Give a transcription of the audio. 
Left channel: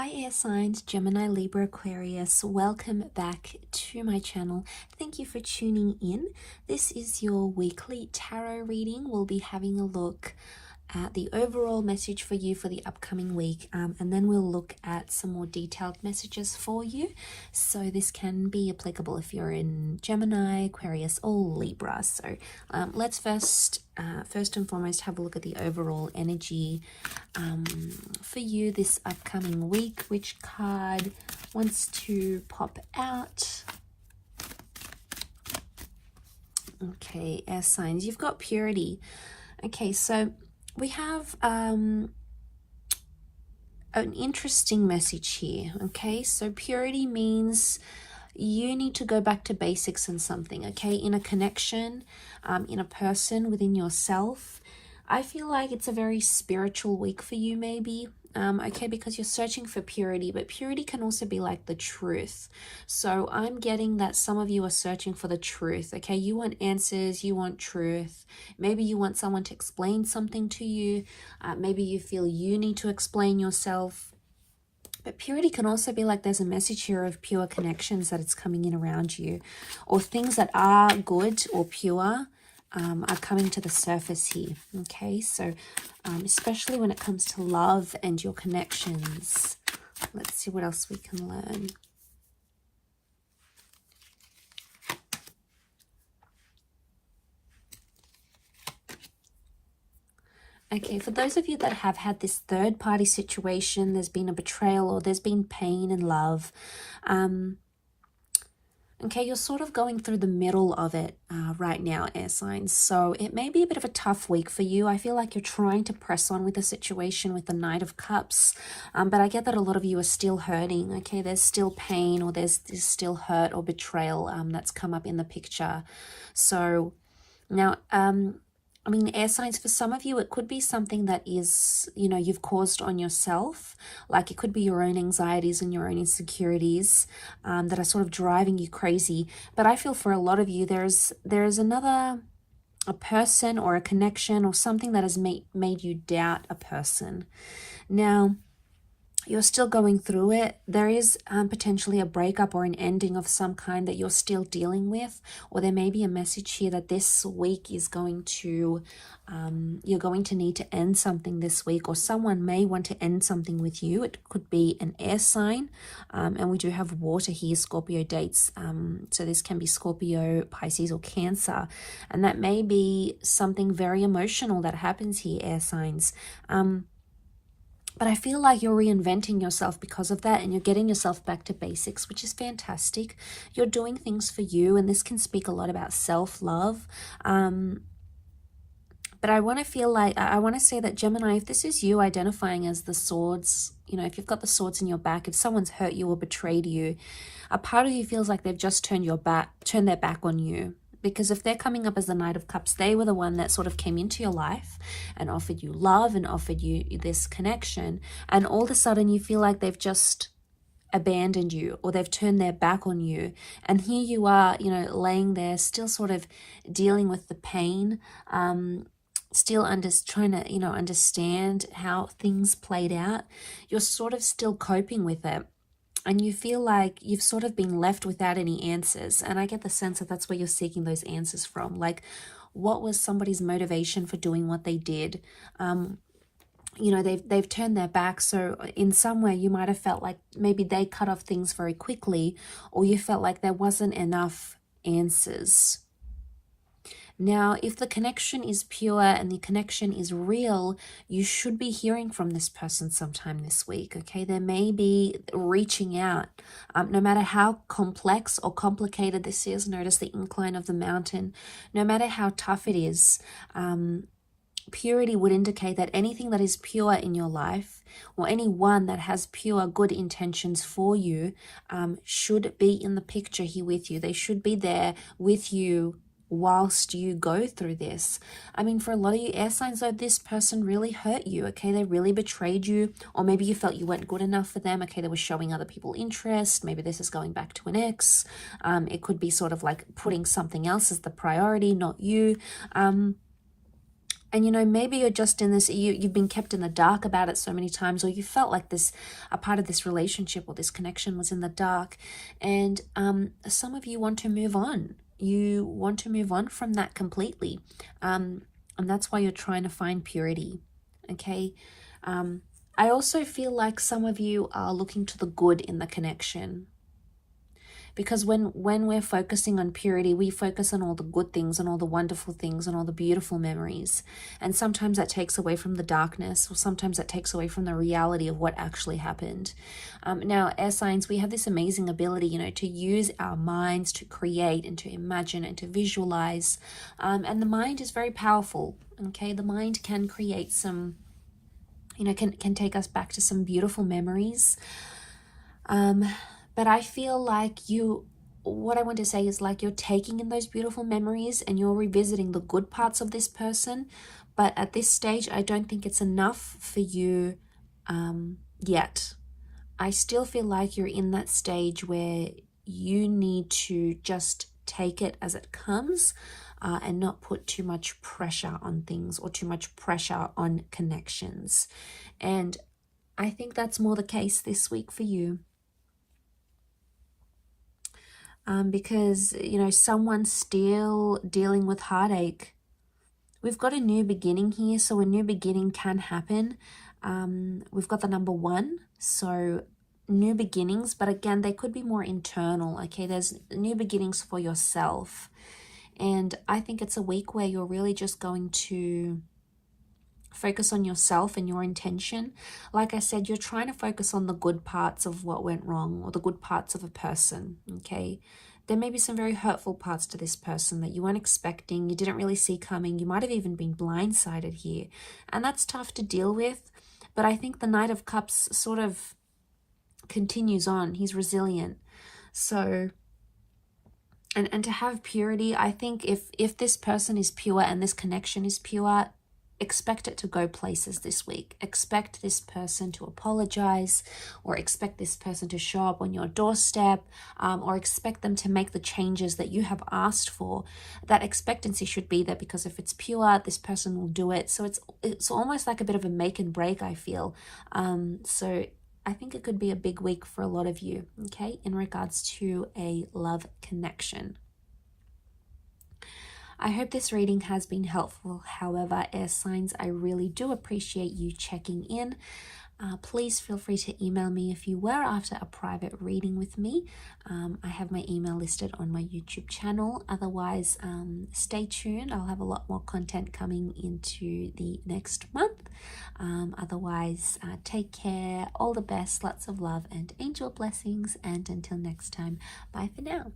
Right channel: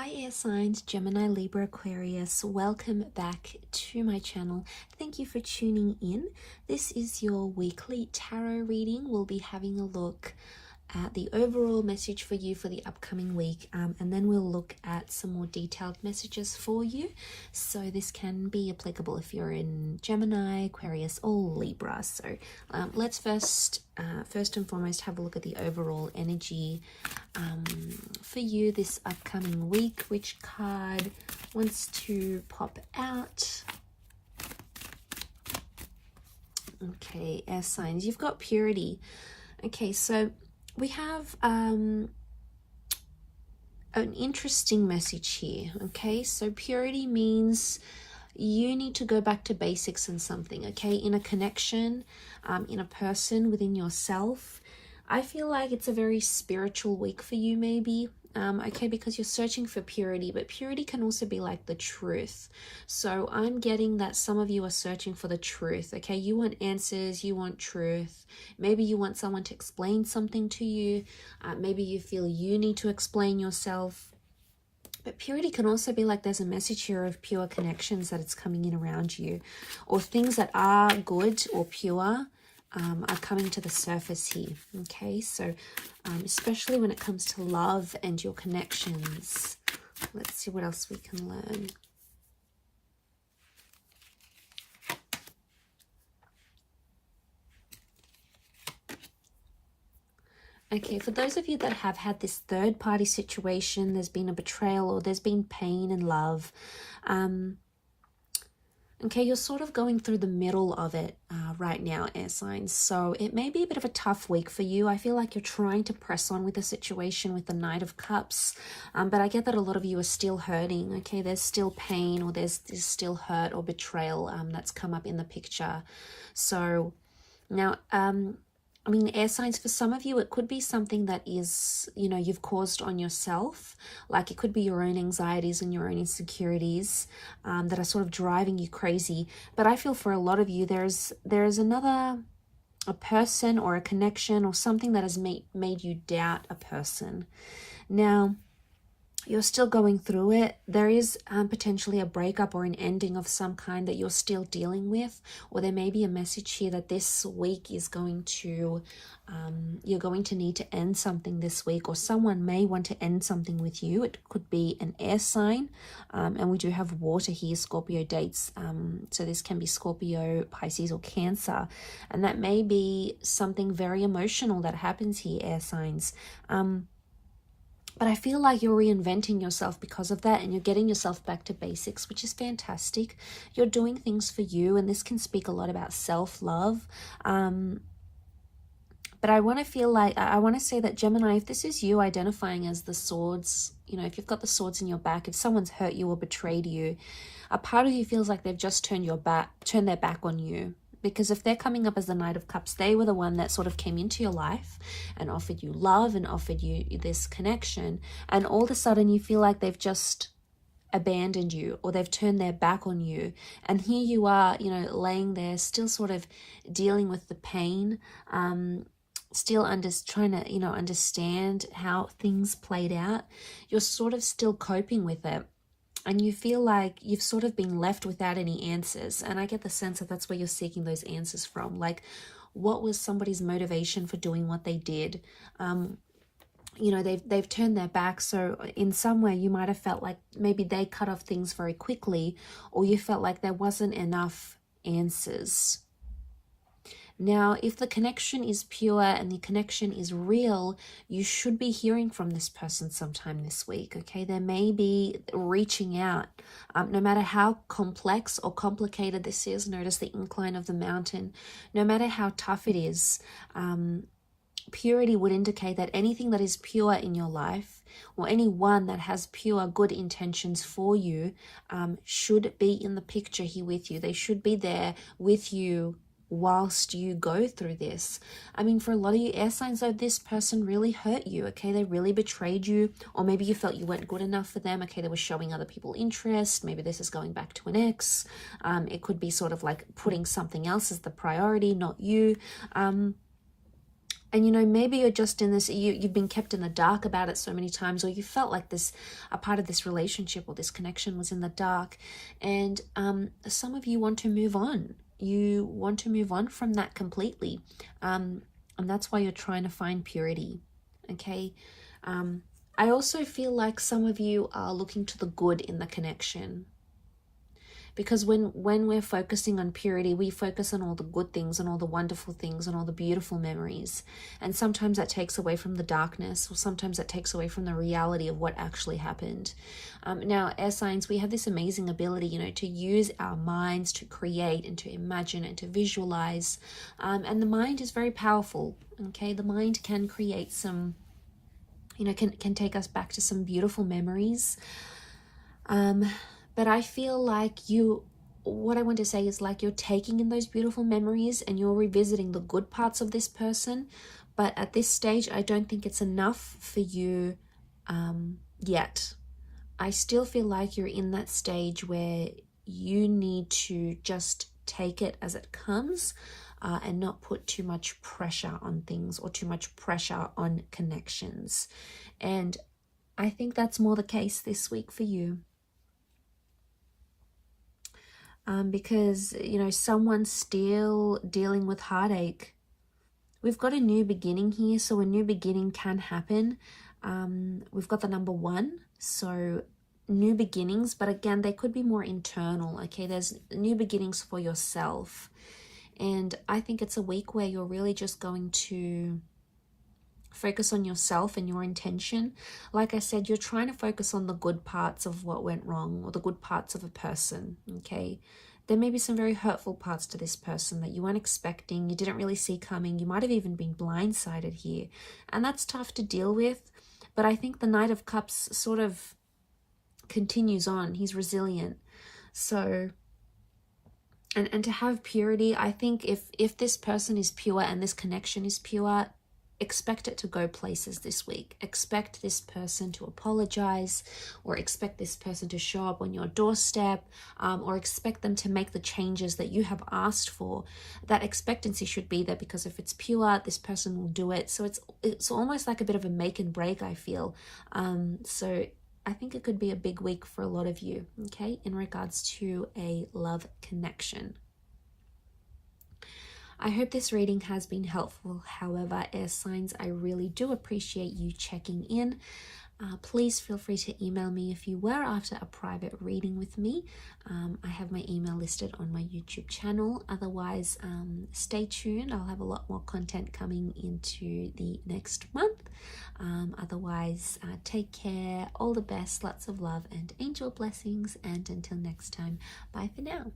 Hi air signs, Gemini, Libra, Aquarius. Welcome back to my channel. Thank you for tuning in. This is your weekly tarot reading. We'll be having a look at the overall message for you for the upcoming week, and then we'll look at some more detailed messages for you. So this can be applicable if you're in Gemini, Aquarius, or Libra. So let's first and foremost have a look at the overall energy for you this upcoming week. Which card wants to pop out? Okay, air signs, you've got purity. Okay, so we have an interesting message here. Okay, so purity means you need to go back to basics in something, okay, in a connection, in a person, within yourself. I feel like it's a very spiritual week for you, maybe. Okay, because you're searching for purity, but purity can also be like the truth. So I'm getting that some of you are searching for the truth. Okay, you want answers, you want truth. Maybe you want someone to explain something to you. Maybe you feel you need to explain yourself. But purity can also be like there's a message here of pure connections that it's coming in around you, or things that are good or pure are coming to the surface here. Okay, so especially when it comes to love and your connections. Let's see what else we can learn. Okay, for those of you that have had this third-party situation, there's been a betrayal or there's been pain in love. Okay, you're sort of going through the middle of it right now, air signs. So it may be a bit of a tough week for you. I feel like you're trying to press on with the situation with the Knight of Cups. But I get that a lot of you are still hurting. Okay, there's still pain, or there's still hurt or betrayal that's come up in the picture. So now, I mean, air signs, for some of you, it could be something that is, you know, you've caused on yourself. Like it could be your own anxieties and your own insecurities that are sort of driving you crazy. But I feel for a lot of you, there's a person or a connection or something that has made you doubt a person. Now, you're still going through it. There is potentially a breakup or an ending of some kind that you're still dealing with, or there may be a message here that this week is going to, you're going to need to end something this week, or someone may want to end something with you. It could be an air sign, and we do have water here, Scorpio dates. So this can be Scorpio, Pisces, or Cancer, and that may be something very emotional that happens here, air signs. But I feel like you're reinventing yourself because of that, and you're getting yourself back to basics, which is fantastic. You're doing things for you, and this can speak a lot about self-love. But I want to feel like, I want to say that Gemini, if this is you identifying as the swords, you know, if you've got the swords in your back, if someone's hurt you or betrayed you, a part of you feels like they've just turned their back on you. Because if they're coming up as the Knight of Cups, they were the one that sort of came into your life and offered you love and offered you this connection. And all of a sudden you feel like they've just abandoned you, or they've turned their back on you. And here you are, you know, laying there still sort of dealing with the pain, still trying to, you know, understand how things played out. You're sort of still coping with it. And you feel like you've sort of been left without any answers. And I get the sense that that's where you're seeking those answers from. Like, what was somebody's motivation for doing what they did? You know, they've turned their back. So in some way, you might have felt like maybe they cut off things very quickly, or you felt like there wasn't enough answers. Now, if the connection is pure and the connection is real, you should be hearing from this person sometime this week, okay? They may be reaching out. No matter how complex or complicated this is, notice the incline of the mountain. No matter how tough it is, purity would indicate that anything that is pure in your life, or anyone that has pure good intentions for you, should be in the picture here with you. They should be there with you whilst you go through this. I mean, for a lot of you air signs, though, this person really hurt you, okay? They really betrayed you, or maybe you felt you weren't good enough for them, okay? They were showing other people interest. Maybe this is going back to an ex. It could be sort of like putting something else as the priority, not you. And, you know, maybe you're just in this, you've been kept in the dark about it so many times, or you felt like this, a part of this relationship or this connection was in the dark. And some of you want to move on. You want to move on from that completely. And that's why you're trying to find purity. Okay. I also feel like some of you are looking to the good in the connection. Because when we're focusing on purity, we focus on all the good things, on all the wonderful things, on all the beautiful memories. And sometimes that takes away from the darkness, or sometimes that takes away from the reality of what actually happened. Now, air signs, we have this amazing ability, you know, to use our minds to create and to imagine and to visualize. And the mind is very powerful, okay? The mind can create some, you know, can take us back to some beautiful memories. But I feel like what I want to say is like you're taking in those beautiful memories and you're revisiting the good parts of this person. But at this stage, I don't think it's enough for you yet. I still feel like you're in that stage where you need to just take it as it comes and not put too much pressure on things or too much pressure on connections. And I think that's more the case this week for you. Because, you know, someone's still dealing with heartache. We've got a new beginning here, so a new beginning can happen. We've got the number 1, so new beginnings, but again, they could be more internal, okay? There's new beginnings for yourself. And I think it's a week where you're really just going to focus on yourself and your intention. Like I said, you're trying to focus on the good parts of what went wrong or the good parts of a person, okay? There may be some very hurtful parts to this person that you weren't expecting, you didn't really see coming. You might have even been blindsided here. And that's tough to deal with. But I think the Knight of Cups sort of continues on. He's resilient. So, and to have purity, I think if this person is pure and this connection is pure, expect it to go places this week. Expect this person to apologize, or expect this person to show up on your doorstep, or expect them to make the changes that you have asked for. That expectancy should be there, because if it's pure, this person will do it. So it's almost like a bit of a make and break, I feel. So I think it could be a big week for a lot of you, okay, in regards to a love connection. I hope this reading has been helpful. However, air signs, I really do appreciate you checking in. Please feel free to email me if you were after a private reading with me. I have my email listed on my YouTube channel. Otherwise, stay tuned. I'll have a lot more content coming into the next month. Otherwise, take care. All the best. Lots of love and angel blessings. And until next time, bye for now.